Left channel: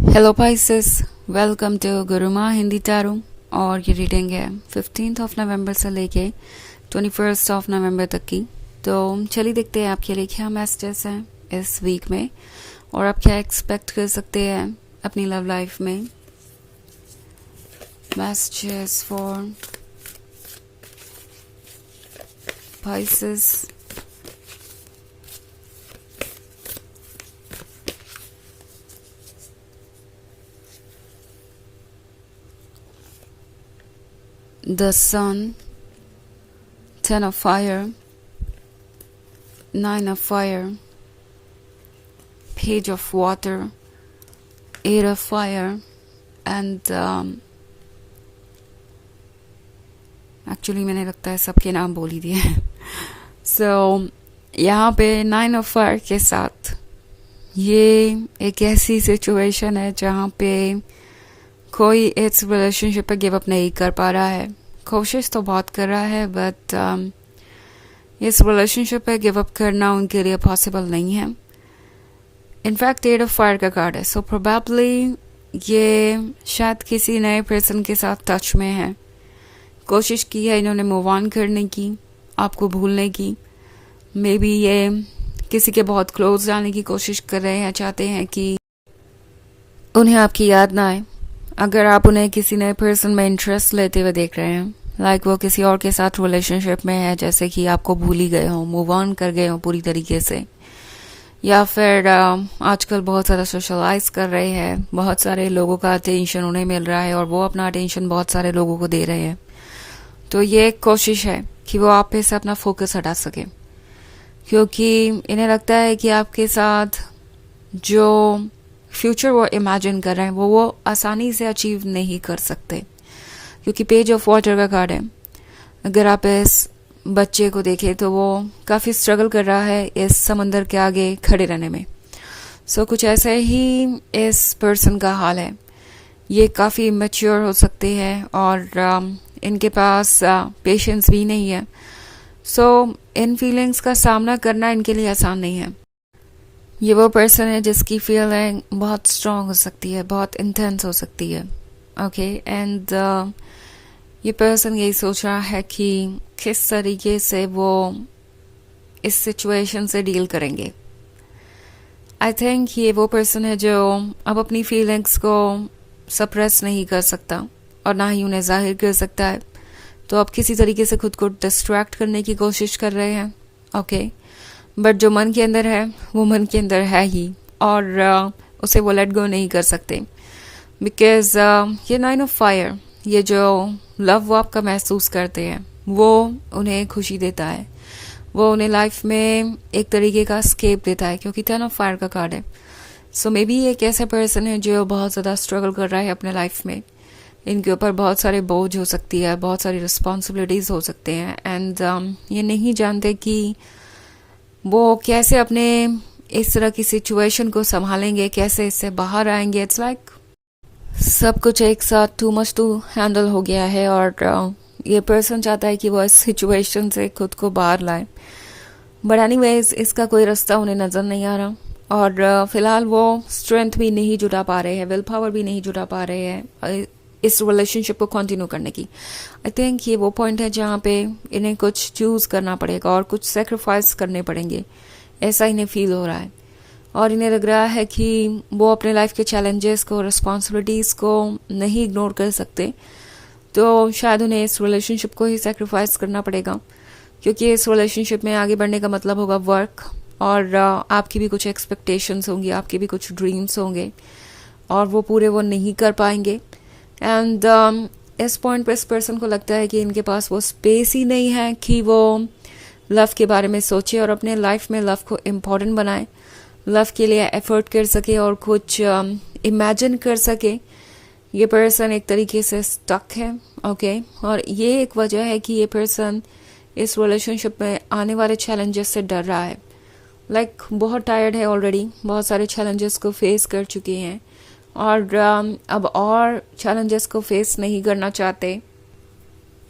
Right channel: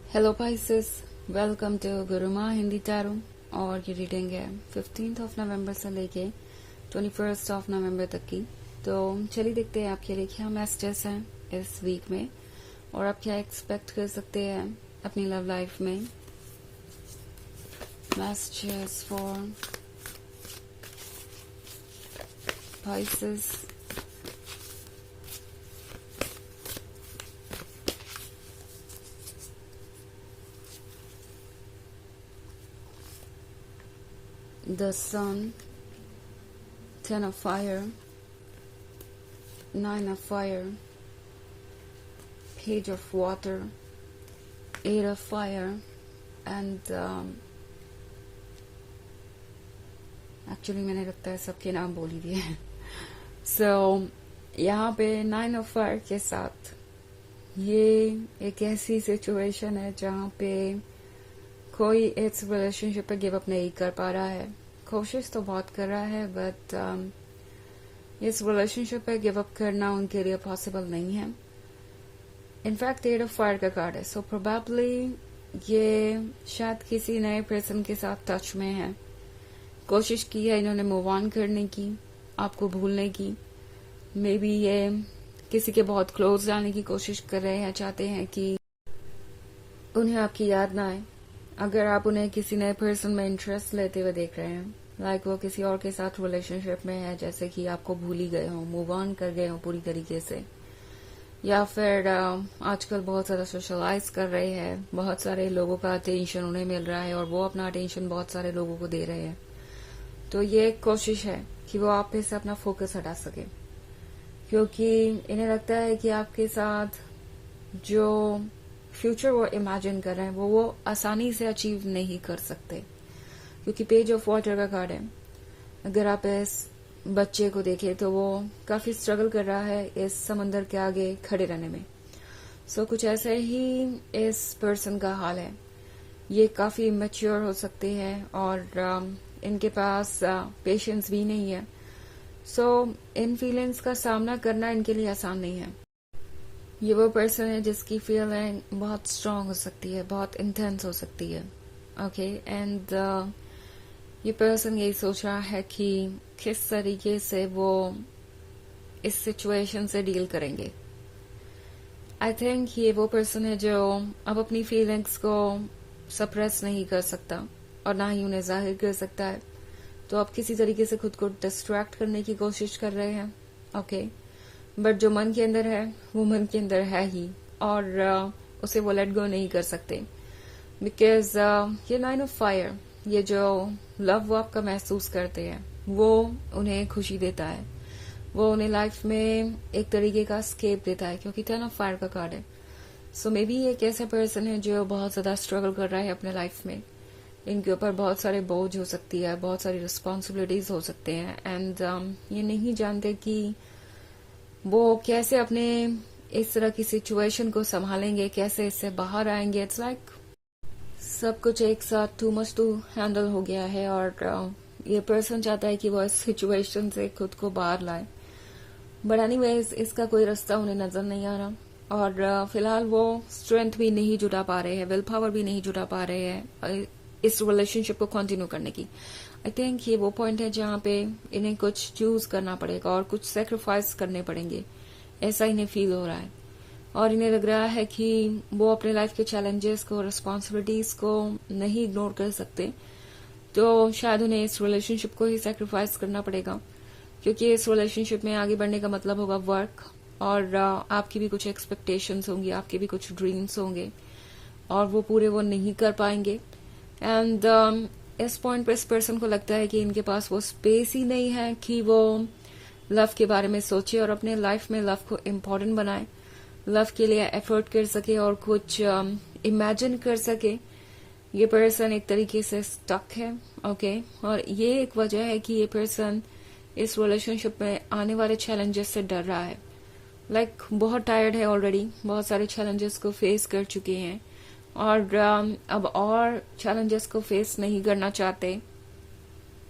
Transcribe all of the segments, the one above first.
Hello Pisces, welcome to Guruma Hindi tarot. और ये reading है 15 ऑफ नवंबर से लेके 21 ऑफ नवंबर तक की। तो चलिए देखते हैं आपके लिए क्या मैसेजेस हैं इस वीक में और आप क्या एक्सपेक्ट कर सकते हैं अपनी लव लाइफ में। Messages for Pisces. The Sun, 10 of Fire, 9 of Fire, Page of Water, 8 of Fire, and actually मैंने लगता है सबके नाम बोल ही दिए। सो यहाँ पे 9 of Fire के साथ ये एक ऐसी सिचुएशन है जहाँ पे कोई इस रिलेशनशिप पे गिव अप नहीं कर पा रहा है। कोशिश तो बहुत कर रहा है बट इस रिलेशनशिप पे गिव अप करना उनके लिए पॉसिबल नहीं है। इनफैक्ट 8 ऑफ फायर का कार्ड है, सो प्रोबेबली ये शायद किसी नए पर्सन के साथ टच में है। कोशिश की है इन्होंने मूव ऑन करने की, आपको भूलने की। मे बी ये किसी के बहुत क्लोज जाने की कोशिश कर रहे हैं, चाहते हैं कि उन्हें आपकी याद ना आए। अगर आप उन्हें किसी नए पर्सन में इंटरेस्ट लेते हुए देख रहे हैं, लाइक वो किसी और के साथ रिलेशनशिप में है, जैसे कि आपको भूल ही गए हो, मूव ऑन कर गए हो पूरी तरीके से, या फिर आजकल बहुत ज़्यादा सोशलाइज कर रहे हैं, बहुत सारे लोगों का अटेंशन उन्हें मिल रहा है और वो अपना अटेंशन बहुत सारे लोगों को दे रहे हैं। तो ये एक कोशिश है कि वो आप पे से अपना फोकस हटा सके, क्योंकि इन्हें लगता है कि आपके साथ जो फ्यूचर वो इमेजिन कर रहे हैं वो आसानी से अचीव नहीं कर सकते, क्योंकि पेज ऑफ वाटर का कार्ड है। अगर आप इस बच्चे को देखें तो वो काफ़ी स्ट्रगल कर रहा है इस समंदर के आगे खड़े रहने में। सो कुछ ऐसे ही इस पर्सन का हाल है। ये काफ़ी इमेच्योर हो सकते हैं और इनके पास पेशेंस भी नहीं है। सो इन फीलिंग्स का सामना करना इनके लिए आसान नहीं है। ये वो पर्सन है जिसकी फीलिंग बहुत स्ट्रांग हो सकती है, बहुत इंटेंस हो सकती है। ओके एंड ये पर्सन यही सोच रहा है कि किस तरीके से वो इस सिचुएशन से डील करेंगे। आई थिंक ये वो पर्सन है जो अब अपनी फीलिंग्स को सप्रेस नहीं कर सकता और ना ही उन्हें जाहिर कर सकता है। तो अब किसी तरीके से खुद को डिस्ट्रैक्ट करने की कोशिश कर रहे हैं। ओके बट जो मन के अंदर है वो मन के अंदर है ही, और उसे वो लेट गो नहीं कर सकते। बिकॉज ये 9 ऑफ फायर, ये जो लव वो आपका महसूस करते हैं वो उन्हें खुशी देता है, वो उन्हें लाइफ में एक तरीके का स्केप देता है, क्योंकि 10 ऑफ फायर का कार्ड है। सो मे बी एक ऐसा पर्सन है जो बहुत ज़्यादा स्ट्रगल कर रहा है अपने लाइफ में। इनके ऊपर बहुत सारे बोझ हो सकती है, बहुत सारी रिस्पॉन्सिबिलिटीज़ हो सकते हैं, एंड ये नहीं जानते कि वो कैसे अपने इस तरह की सिचुएशन को संभालेंगे, कैसे इससे बाहर आएंगे। इट्स लाइक सब कुछ एक साथ टू मच टू हैंडल हो गया है और ये पर्सन चाहता है कि वो इस सिचुएशन से खुद को बाहर लाए। बट एनीवेज इसका कोई रास्ता उन्हें नज़र नहीं आ रहा, और फिलहाल वो स्ट्रेंथ भी नहीं जुटा पा रहे हैं, विल पावर भी नहीं जुटा पा रहे हैं इस रिलेशनशिप को कंटिन्यू करने की। आई थिंक ये वो पॉइंट है जहाँ पे इन्हें कुछ चूज़ करना पड़ेगा और कुछ सेक्रीफाइस करने पड़ेंगे, ऐसा इन्हें फील हो रहा है। और इन्हें लग रहा है कि वो अपने लाइफ के चैलेंजेस को, रिस्पॉन्सिबिलिटीज़ को नहीं इग्नोर कर सकते। तो शायद उन्हें इस रिलेशनशिप को ही सेक्रीफाइस करना पड़ेगा, क्योंकि इस रिलेशनशिप में आगे बढ़ने का मतलब होगा वर्क, और आपकी भी कुछ एक्सपेक्टेशंस होंगी, आपके भी कुछ ड्रीम्स होंगे, और वो पूरे वो नहीं कर पाएंगे। एंड इस पॉइंट पर इस पर्सन को लगता है कि इनके पास वो स्पेस ही नहीं है कि वो लव के बारे में सोचे और अपने लाइफ में लव को इम्पोर्टेंट बनाए, लव के लिए एफर्ट कर सके और कुछ इमेजिन कर सके। ये पर्सन एक तरीके से स्टक है। ओके और ये एक वजह है कि ये पर्सन इस रिलेशनशिप में आने वाले चैलेंजेस से डर रहा है। लाइक बहुत टायर्ड है ऑलरेडी, बहुत सारे चैलेंजेस को फेस कर चुके हैं और अब और चैलेंजेस को फेस नहीं करना चाहते,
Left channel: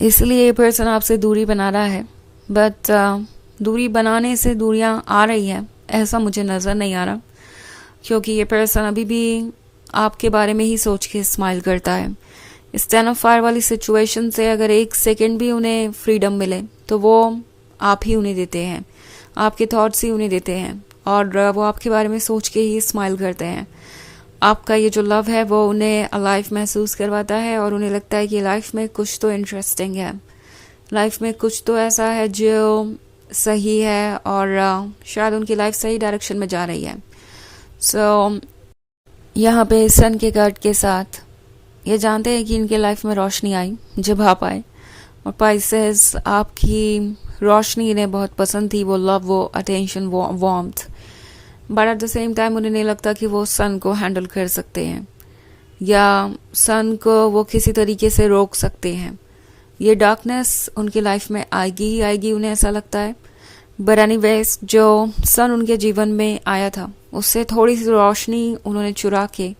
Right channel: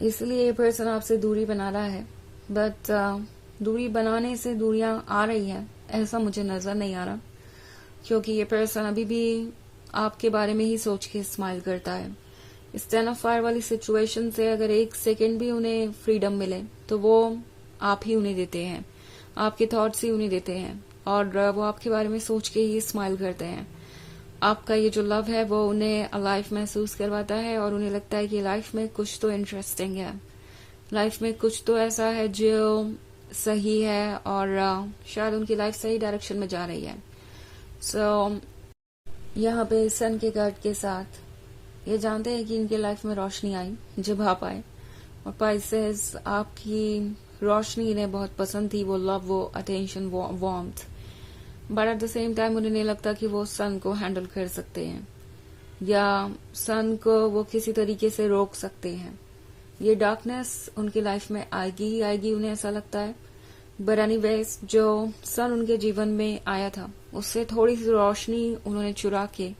इसलिए ये पर्सन आपसे दूरी बना रहा है। बट दूरी बनाने से दूरियां आ रही है ऐसा मुझे नज़र नहीं आ रहा, क्योंकि ये पर्सन अभी भी आपके बारे में ही सोच के स्माइल करता है। इस 10 ऑफ फायर वाली सिचुएशन से अगर 1 सेकेंड भी उन्हें फ्रीडम मिले तो वो आप ही उन्हें देते हैं, आपके थॉट्स ही उन्हें देते हैं, और वो आपके बारे में सोच के ही स्माइल करते हैं। आपका ये जो लव है वो उन्हें अलाइव महसूस करवाता है और उन्हें लगता है कि लाइफ में कुछ तो इंटरेस्टिंग है, लाइफ में कुछ तो ऐसा है जो सही है और शायद उनकी लाइफ सही डायरेक्शन में जा रही है। सो यहाँ पे सन के कार्ड के साथ ये जानते हैं कि इनके लाइफ में रोशनी आई जब आप आए, और पाइसेस आपकी रोशनी इन्हें बहुत पसंद थी, वो लव, वो अटेंशन, वो warmth, but at the same time उन्हें नहीं लगता कि वो सन को हैंडल कर सकते हैं या सन को वो किसी तरीके से रोक सकते हैं। ये डार्कनेस उनकी लाइफ में आएगी ही आएगी, उन्हें ऐसा लगता है। बट एनीवेज जो सन उनके जीवन में आया था उससे थोड़ी सी रोशनी उन्होंने चुरा के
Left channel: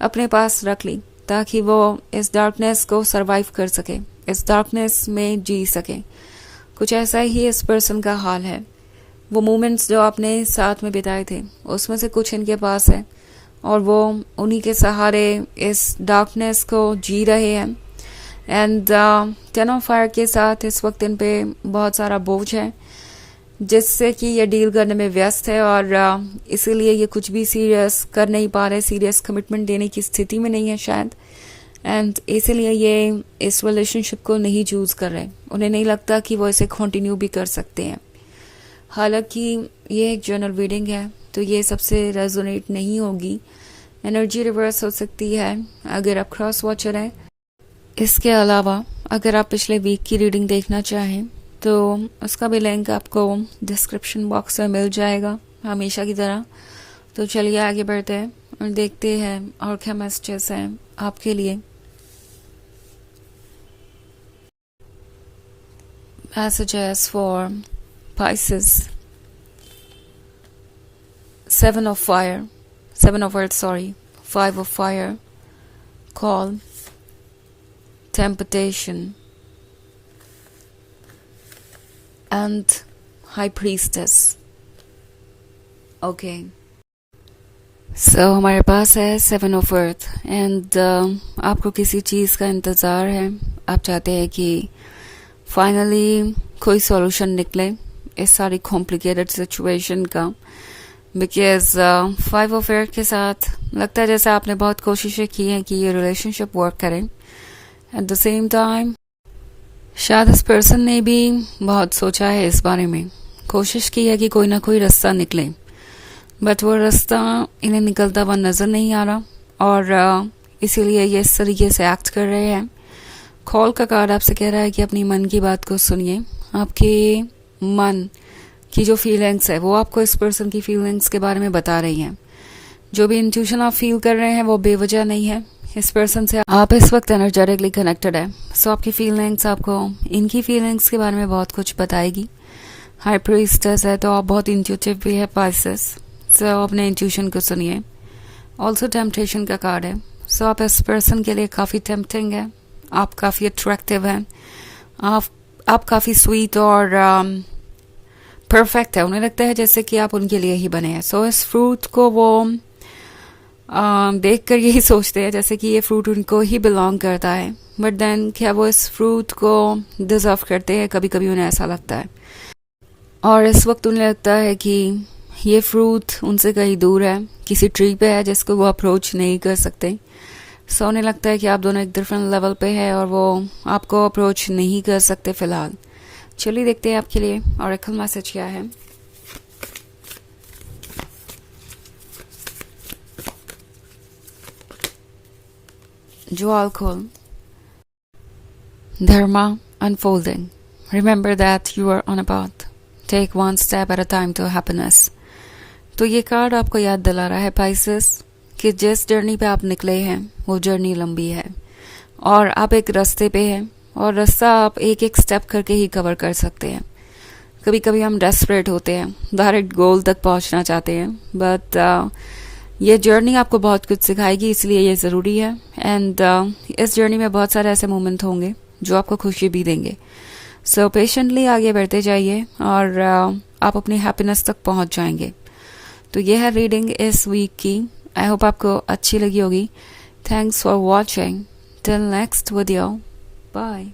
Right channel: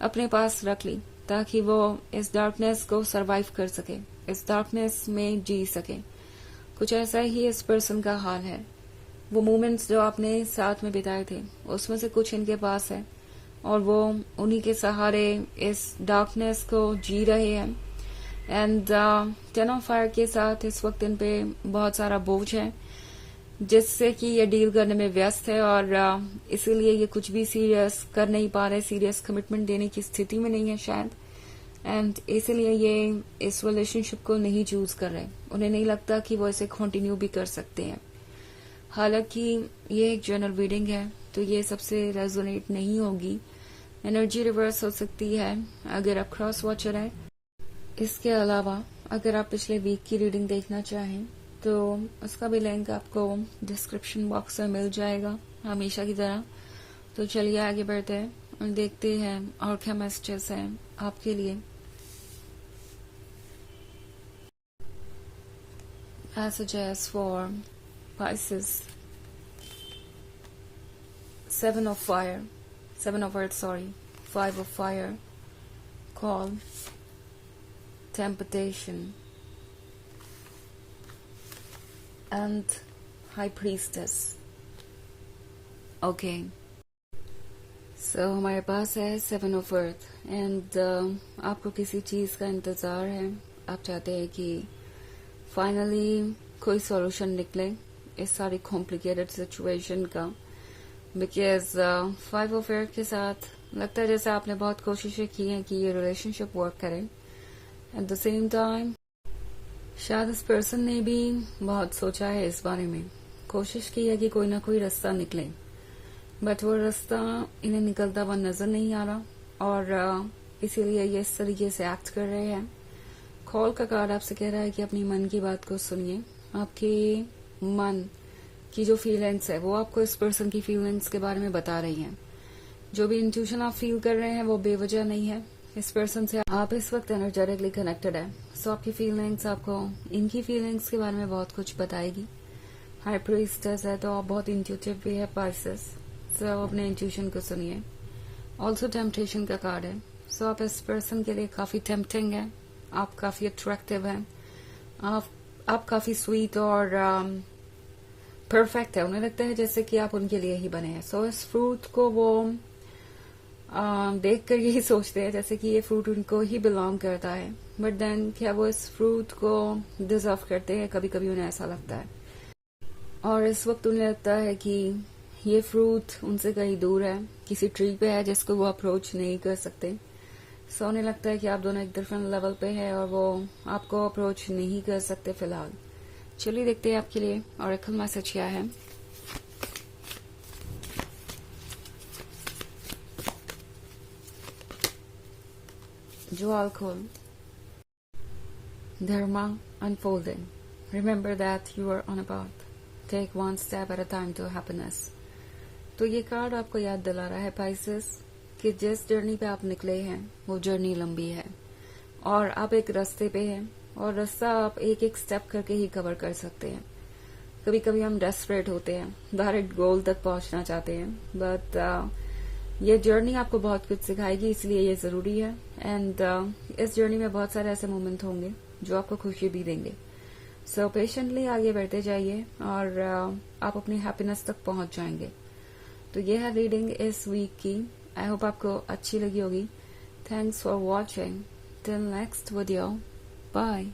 अपने पास रख ली ताकि वो इस डार्कनेस को सरवाइव कर सके, इस डार्कनेस में जी सके। कुछ ऐसा ही इस पर्सन का हाल है। वो मोमेंट्स जो आपने साथ में बिताए थे उसमें से कुछ इनके पास है और वो उन्हीं के सहारे इस डार्कनेस को जी रहे हैं। एंड 10 ऑफ फायर के साथ इस वक्त इन पे बहुत सारा बोझ है जिससे कि ये डील करने में व्यस्त है और इसीलिए ये कुछ भी सीरियस कर नहीं पा रहे, सीरियस कमिटमेंट देने की स्थिति में नहीं है शायद, एंड इसीलिए ये इस रिलेशनशिप को नहीं चूज कर रहे। उन्हें नहीं लगता कि वो इसे कंटिन्यू भी कर सकते हैं। हालांकि ये एक जनरल रीडिंग है तो ये सबसे रेजोनेट नहीं होगी, एनर्जी रिवर्स हो सकती है अगर आप क्रॉस वॉचर हैं। इसके अलावा अगर आप पिछले वीक की रीडिंग देखना चाहें तो उसका भी लिंक आपको डिस्क्रिप्शन बॉक्स में मिल जाएगा हमेशा की तरह। तो चलिए आगे बढ़ते हैं और देखते हैं और क्या मैसेजेस हैं आपके लिए। Messages for Pisces, 7 of fire, 7 of earth, 5 of fire, call, temptation, and high priestess. Okay. So हमारे पास है 7 of earth and आपको किसी चीज़ का इंतज़ार है, आप चाहते हैं कि फाइनली कोई सॉल्यूशन निकले इस सारी कॉम्प्लिकेटेड सिचुएशन का, बिकॉज 5 ऑफ एयर के साथ लगता है जैसे आपने बहुत कोशिशें की हैं कि ये रिलेशनशिप वर्क करे। एट द सेम टाइम शायद इस पर्सन ने भी बहुत सोचा है इस बारे में, कोशिश की है कि कोई ना कोई रास्ता निकले, बट वो रास्ता इन्हें निकलता हुआ नज़र नहीं आ रहा और इसीलिए ये इस तरीके से एक्ट कर रहे हैं। कॉल का कार्ड आपसे कह रहा है कि अपनी मन की बात को सुनिए। आपके मन की जो फीलिंग्स है वो आपको इस पर्सन की फीलिंग्स के बारे में बता रही हैं। जो भी इंट्यूशन आप फील कर रहे हैं वो बेवजह नहीं है। इस पर्सन से आप इस वक्त एनर्जेटिकली कनेक्टेड है, सो आपकी फीलिंग्स आपको इनकी फीलिंग्स के बारे में बहुत कुछ बताएगी। हाई प्रीस्टेस है तो आप बहुत इंट्यूटिव भी है पाइसेस, सो अपने इंट्यूशन को सुनिए। ऑल्सो टेम्पटेशन का कार्ड है, सो आप इस पर्सन के लिए काफ़ी टेम्पटिंग है, आप काफ़ी अट्रैक्टिव हैं, आप काफ़ी स्वीट और परफेक्ट है। उन्हें लगता है जैसे कि आप उनके लिए ही बने हैं। सो इस फ्रूट को वो देख कर यही सोचते हैं जैसे कि ये फ्रूट उनको ही बिलोंग करता है, बट देन क्या वो इस फ्रूट को डिजर्व करते हैं? कभी कभी उन्हें ऐसा लगता है और इस वक्त उन्हें लगता है कि ये फ्रूट उनसे कहीं दूर है, किसी ट्री पे है जिसको वो अप्रोच नहीं कर सकते। सो उन्हें लगता है कि आप दोनों एक डिफरेंट लेवल पे है और वो आपको अप्रोच नहीं कर सकते फिलहाल। चलिए देखते हैं आपके लिए ऑरेकल मैसेज क्या है। Jewel Dharma unfolding. Remember that you are on a path. Take one step at a time to happiness. तो ये कार्ड आपको याद दिला रहा है पाइसेस कि जिस जर्नी पे आप निकले हैं वो जर्नी लंबी है और आप एक रास्ते पे हैं और रास्ता आप एक एक स्टेप करके ही कवर कर सकते हैं। कभी कभी हम डेस्परेट होते हैं, डायरेक्ट गोल तक पहुंचना चाहते हैं, बट ये जर्नी आपको बहुत कुछ सिखाएगी, इसलिए ये ज़रूरी है। एंड इस जर्नी में बहुत सारे ऐसे मोमेंट होंगे जो आपको खुशी भी देंगे। सो पेशेंटली आगे बढ़ते जाइए और आप अपनी हैप्पीनेस तक पहुंच जाएंगे। तो ये है रीडिंग इस वीक की आई होप आपको अच्छी लगी होगी. Thanks for watching. Till next video. Bye.